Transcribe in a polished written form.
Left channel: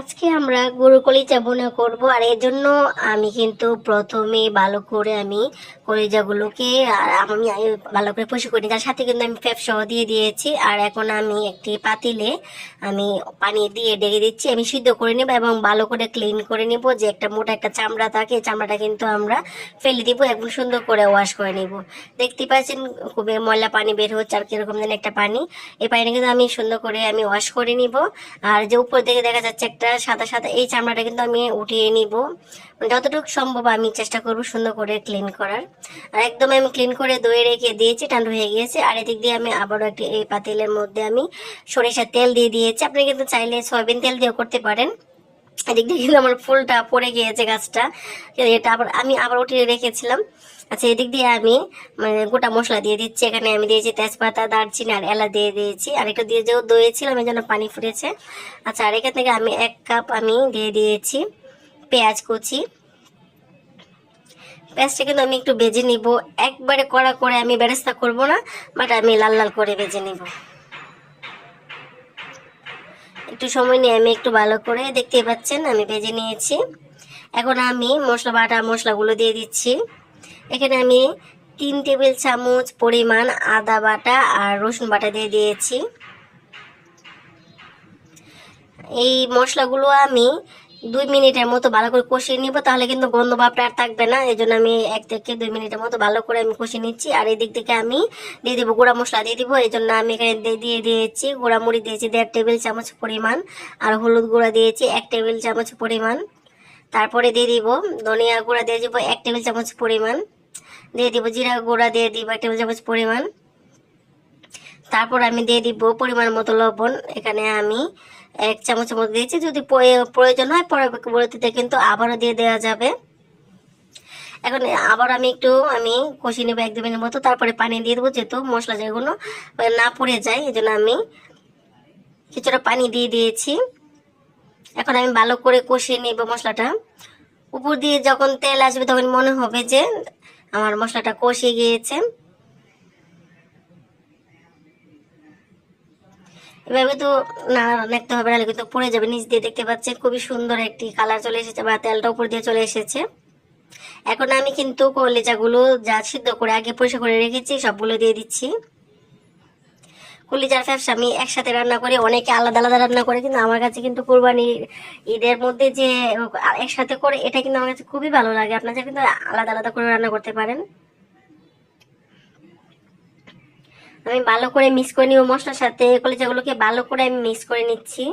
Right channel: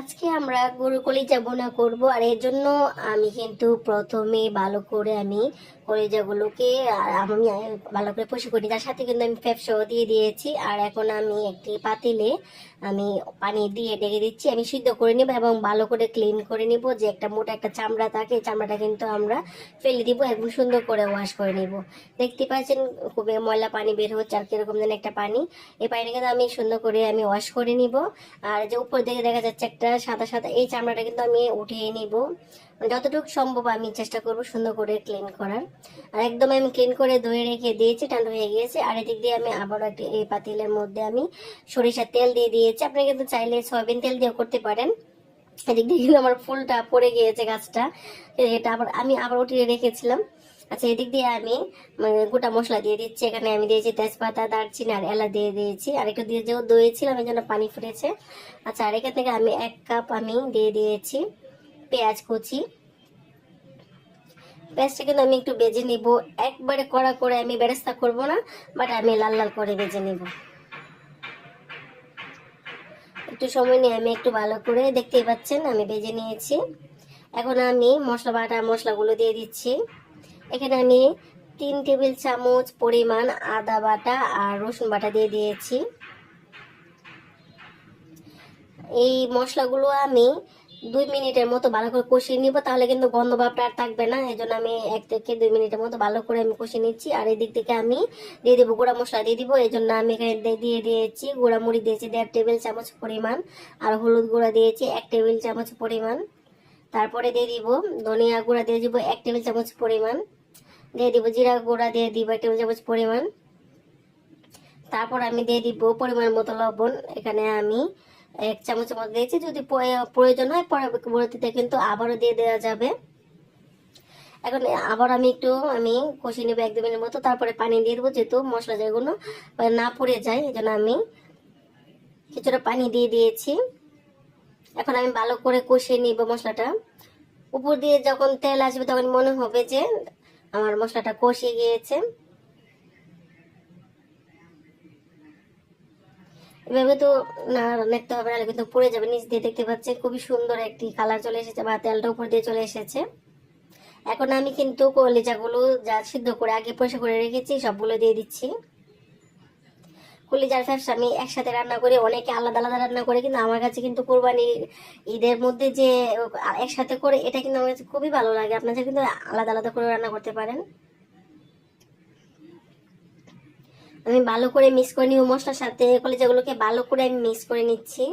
আজকে আমরা গরুর কলিজা ভুনা করব। আর এর জন্য আমি কিন্তু প্রথমে ভালো করে আমি কলিজাগুলোকে আমি ভালো করে পরিষ্কার করি, তার সাথে কিন্তু আমি পেঁপে সহ দিয়ে দিয়েছি। আর এখন আমি একটি পাতিলে আমি পানি দিয়ে ডেকে দিচ্ছি, আমি সিদ্ধ করে নেব এবং ভালো করে ক্লিন করে নেব। যে একটা মোটা একটা চামড়া থাকে, চামড়াটা কিন্তু আমরা ফেলে দিব এবং সুন্দর করে ওয়াশ করে নিব। দেখতে পাচ্ছেন খুবই ময়লা পানি বের হচ্ছে আর কিরকম যেন একটা পানি। এই পানিটা কিন্তু আমি সুন্দর করে আমি ওয়াশ করে নিব। আর যে উপর থেকে দেখা যাচ্ছে একটা সাদা সাদা, এই চামড়াটা কিন্তু আমি উঠিয়ে নিব। যতটুকু সম্ভব আমি চেষ্টা করব সুন্দর করে ক্লিন করার। আর একদম আমি ক্লিন করে ধুয়ে রেখে দিয়েছি, ঠান্ডা হয়ে গিয়েছে। আর এদিক দিয়ে আমি আবারও একটি এই পাতিলের মধ্যে আমি সরিষার তেল দিয়ে দিয়েছি। আপনি কিন্তু চাইলে সয়াবিন তেল দিয়েও করতে পারেন। এদিক দিয়ে কিন্তু আমার ফুলটা পড়ে গিয়েছে গাছটা, এটা আবার উঠিয়ে রেখেছিলাম। আচ্ছা, এদিক দিয়ে আমি গোটা মশলা দিয়ে দিচ্ছি। এখানে আমি দিয়েছি তেজপাতা, দারচিনি আর এলাচ দিয়ে দিয়েছি। আর একটু দিয়ে যেও দইয়েছিলাম এই জন্য পানি ফুটেছে। আচ্ছা, আর এখান থেকে আমি 1 কাপ আমি দিয়ে দিয়েছি পেঁয়াজ কুচি। পেঁয়াজটা কিন্তু আমি একটু ভেজে নিব, একবারে কড়া করে আমি বেরেস্তা করব না, বাট আমি লাল লাল করে ভেজে নিব। একটু সময় নিয়ে আমি একটু ভালো করে, দেখতেই পাচ্ছেন আমি ভেজে নিয়েছি। এখন আমি বাটা মশলাগুলো দিয়ে দিচ্ছি। এখানে আমি 3 টেবিল চামচ পরিমাণ আদা বাটা আর রসুন বাটা দিয়ে দিয়েছি। এই মশলাগুলো আমি 2 মিনিটের মতো ভালো করে কষিয়ে নিব, তাহলে কিন্তু গন্ধ ভাবটা আর থাকবে না। এই জন্য আমি 1 থেকে 2 মিনিটের মতো ভালো করে আমি কষিয়ে নিচ্ছি। আর এই দিক থেকে আমি দিয়ে দিব গুঁড়া মশলা দিয়ে দিব। এই জন্য আমি এখানে দিয়ে দিয়েছি গুঁড়া মরিচ দিয়েছি 1.5 টেবিল চামচ পরিমাণ, আর হলুদ গুঁড়া দিয়েছি 1 টেবিল চামচ পরিমাণ। তারপরে দিয়ে দিব ধনিয়া গুঁড়া দিয়ে দিব 1 টেবিল চামচ পরিমাণ, দিয়ে দিব জিরা গুঁড়া দিয়ে দিব 1 টেবিল চামচ পরিমাণ। তারপর আমি দিয়ে দিব পরিমাণ মতো লবণ। এখানে আমি 1 চামচের মতো দিয়েছি, যদি প্রয়োজন হয় পরবর্তীতে কিন্তু আবারও দিয়ে দেওয়া যাবে। এখন আবার আমি কষিয়ে নেবো 1-2 মিনিট মতো, তারপরে পানি দিয়ে দেবো, যেহেতু মশলা যেগুলো না পড়ে যায় এই জন্য আমি কিছুটা পানি দিয়ে দিয়েছি। এখন আমি ভালো করে কষিয়ে নেব মশলাটা। উপর দিয়ে যখন তেল আসবে তখন মনে হবে যে আমার মশলাটা কষে গিয়েছে। এভাবে তো না রাখতে হবে, নাহলে কিন্তু পড়ে যাবে। নিচ দিয়ে দেখতে পাচ্ছেন খুবই সুন্দর একটি কালার চলে এসেছে, বা তেলটা উপর দিয়ে চলে এসেছে। এখন আমি কিন্তু কলিজাগুলো যা সিদ্ধ করে আগে পরিষ্কার করে রেখেছি সবগুলো দিয়ে দিচ্ছি। কলিজার ফ্যাপস আমি একসাথে রান্না করি, অনেকে আলাদা আলাদা রান্না করে, কিন্তু আমার কাছে কিন্তু কোরবানির ঈদের মধ্যে যে একসাথে করে এটা কিন্তু আমার কাছে খুবই ভালো লাগে। আপনারা কিন্তু আলাদা আলাদা করে রান্না করতে পারেন। আমি ভালো করে মিক্স করে নিব মশলার সাথে, কলিজাগুলোকে ভালো করে আমি মিক্স করে নিচ্ছি।